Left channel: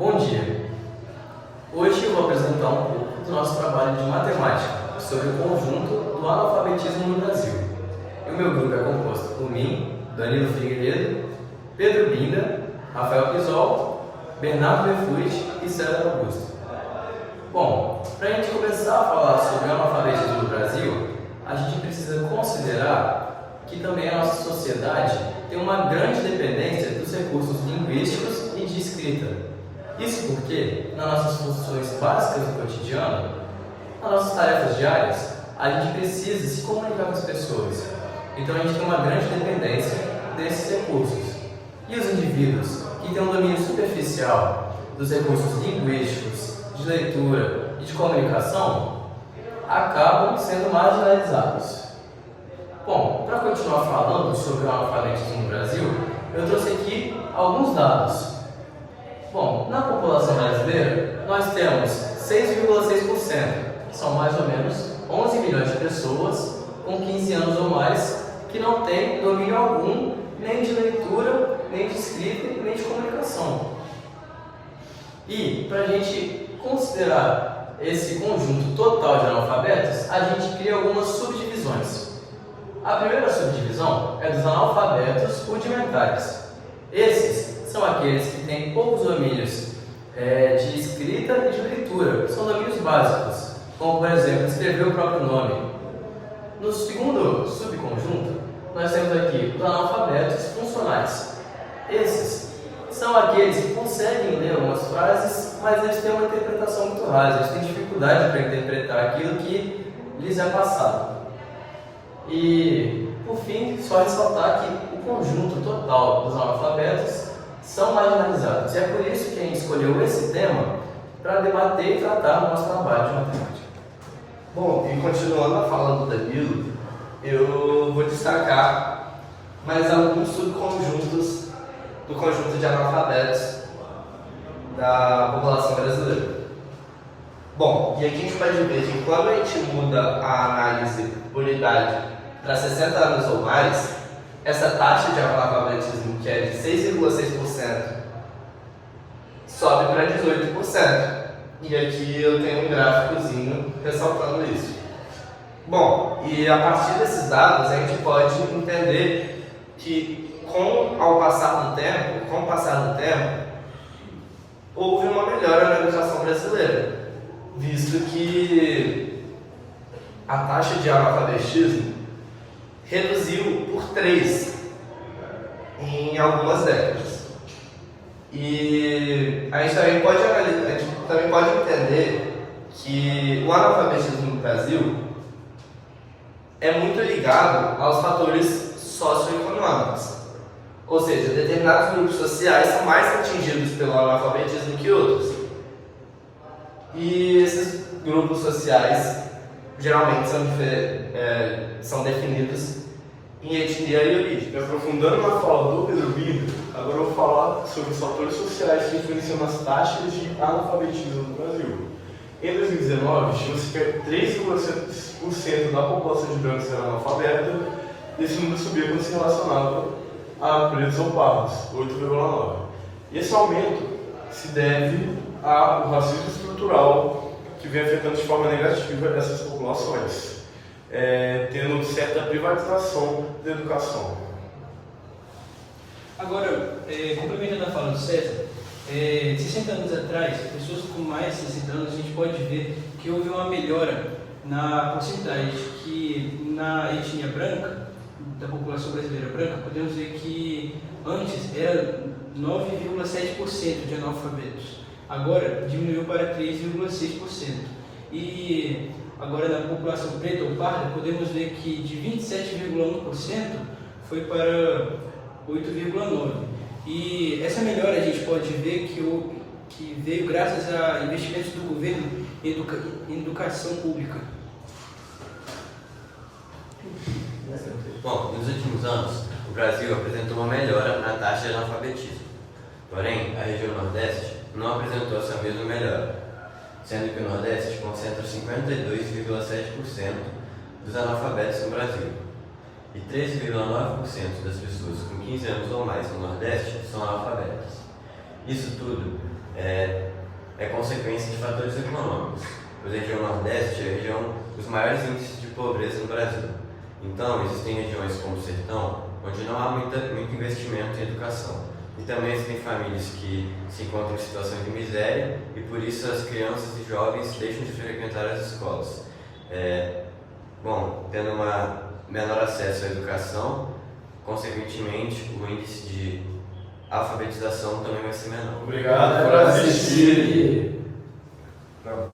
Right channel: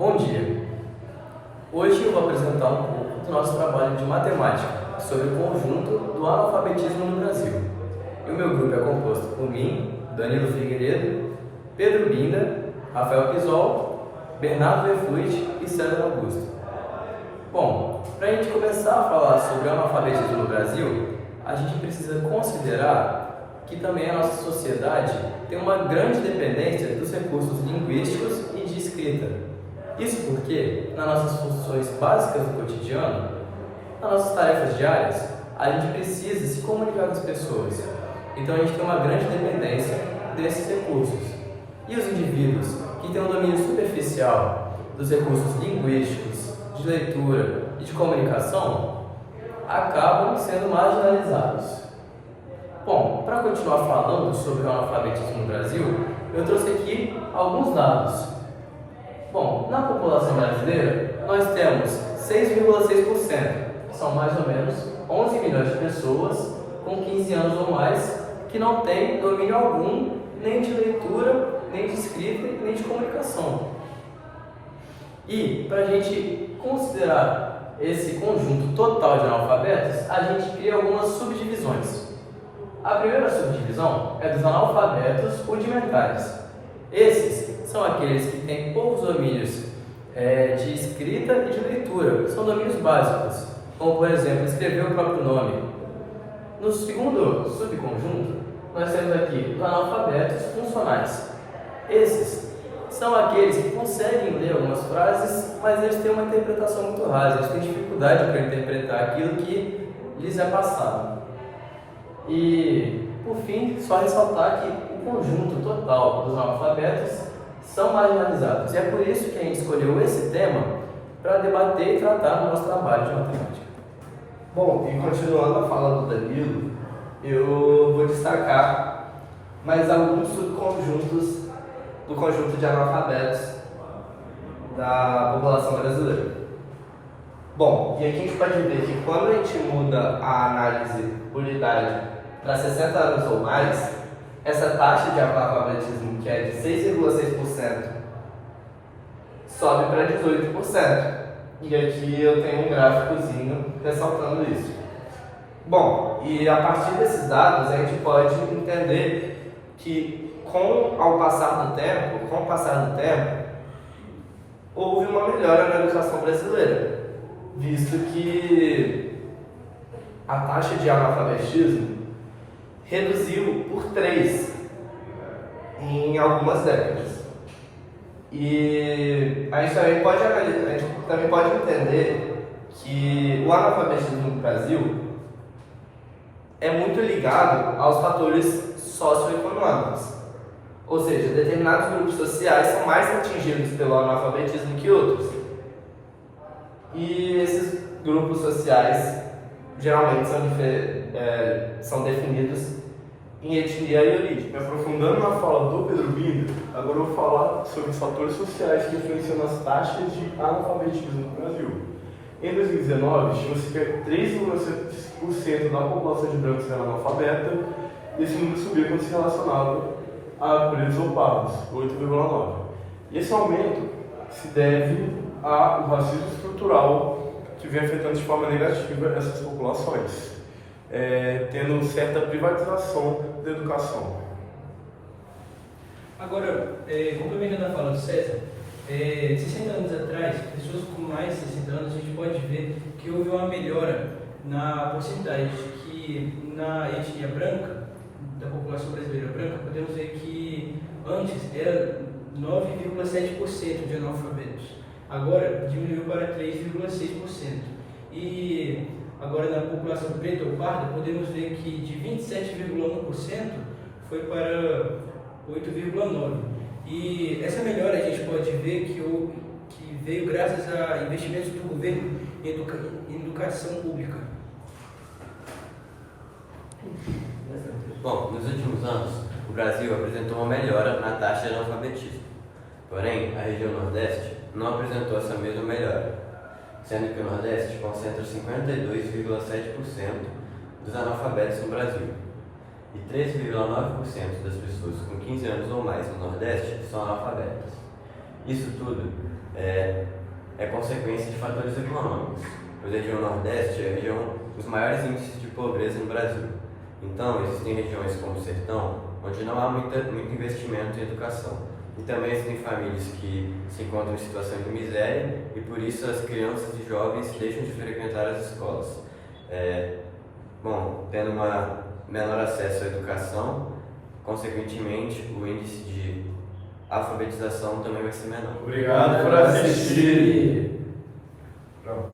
Bom dia! Hoje eu vou apresentar um pouco do nosso trabalho de matemática sobre o conjunto do analfabetismo no Brasil. E o meu grupo é composto por mim, Danilo Figueiredo, Pedro Binda, Rafael Pisol, Bernardo Vefuit e César Augusto. Bom, para a gente começar a falar sobre o analfabetismo no Brasil, a gente precisa considerar que também a nossa sociedade tem uma grande dependência dos recursos linguísticos e de escrita. Isso porque, nas nossas funções básicas do cotidiano, nas nossas tarefas diárias, a gente precisa se comunicar com as pessoas. Então a gente tem uma grande dependência desses recursos. E os indivíduos que têm um domínio superficial dos recursos linguísticos, de leitura e de comunicação, acabam sendo marginalizados. Bom, para continuar falando sobre o analfabetismo no Brasil, eu trouxe aqui alguns dados. Bom, na população brasileira, nós temos 6,6%, que são mais ou menos 11 milhões de pessoas com 15 anos ou mais que não têm domínio algum, nem de leitura, nem de escrita, nem de comunicação. E, para a gente considerar esse conjunto total de analfabetos, a gente cria algumas subdivisões. A primeira subdivisão é dos analfabetos rudimentares. Esses são aqueles que têm poucos domínios de escrita e de leitura, são domínios básicos, como por exemplo, escrever o próprio nome. No segundo subconjunto, nós temos aqui os analfabetos funcionais. Esses são aqueles que conseguem ler algumas frases, mas eles têm uma interpretação muito rasa, eles têm dificuldade para interpretar aquilo que lhes é passado. E, por fim, só ressaltar que o conjunto total dos analfabetos são marginalizados. E é por isso que a gente escolheu esse tema para debater e tratar no nosso trabalho de matemática. Bom, e continuando a fala do Danilo, eu vou destacar mais alguns subconjuntos do conjunto de analfabetos da população brasileira. Bom, e aqui a gente pode ver que quando a gente muda a análise por idade para 60 anos ou mais, essa taxa de analfabetismo, que é de 6,6%, sobe para 18%. E aqui eu tenho um gráficozinho ressaltando isso. Bom, e a partir desses dados a gente pode entender que com o passar do tempo, houve uma melhora na educação brasileira, visto que a taxa de analfabetismo reduziu por 3 em algumas décadas. E a gente também pode entender que o analfabetismo no Brasil é muito ligado aos fatores socioeconômicos. Ou seja, determinados grupos sociais são mais atingidos pelo analfabetismo que outros. E esses grupos sociais geralmente são definidos em etnia e origem. Aprofundando na fala do Pedro Binda, agora eu vou falar sobre os fatores sociais que influenciam nas taxas de analfabetismo no Brasil. Em 2019, estima-se que 3,7% da população de brancos era analfabeta, esse número subia quando se relacionava a pretos ou pardos, 8,9%. E esse aumento se deve ao racismo estrutural que vem afetando de forma negativa essas populações, tendo certa privatização da educação. Agora, complementando a fala do César, 60 anos atrás, pessoas com mais de 60 anos, a gente pode ver que houve uma melhora na porcentagem que na etnia branca, da população brasileira branca, podemos ver que antes era 9,7% de analfabetos. Agora diminuiu para 3,6%. E agora na população preta ou parda, podemos ver que de 27,1% foi para 8,9%. E essa melhora a gente pode ver que veio graças a investimentos do governo em educação pública. Bom, nos últimos anos, o Brasil apresentou uma melhora na taxa de analfabetismo. Porém, a região Nordeste não apresentou essa mesma melhora, sendo que o Nordeste concentra 52,7% dos analfabetos no Brasil. E 13,9% das pessoas com 15 anos ou mais no Nordeste são analfabetas. Isso tudo é consequência de fatores econômicos, pois a região Nordeste é a região dos maiores índices de pobreza no Brasil. Então, existem regiões como o Sertão, onde não há muito investimento em educação. E também existem famílias que se encontram em situação de miséria e por isso as crianças e jovens deixam de frequentar as escolas. Tendo menor acesso à educação, consequentemente o índice de alfabetização também vai ser menor. Obrigado por assistir.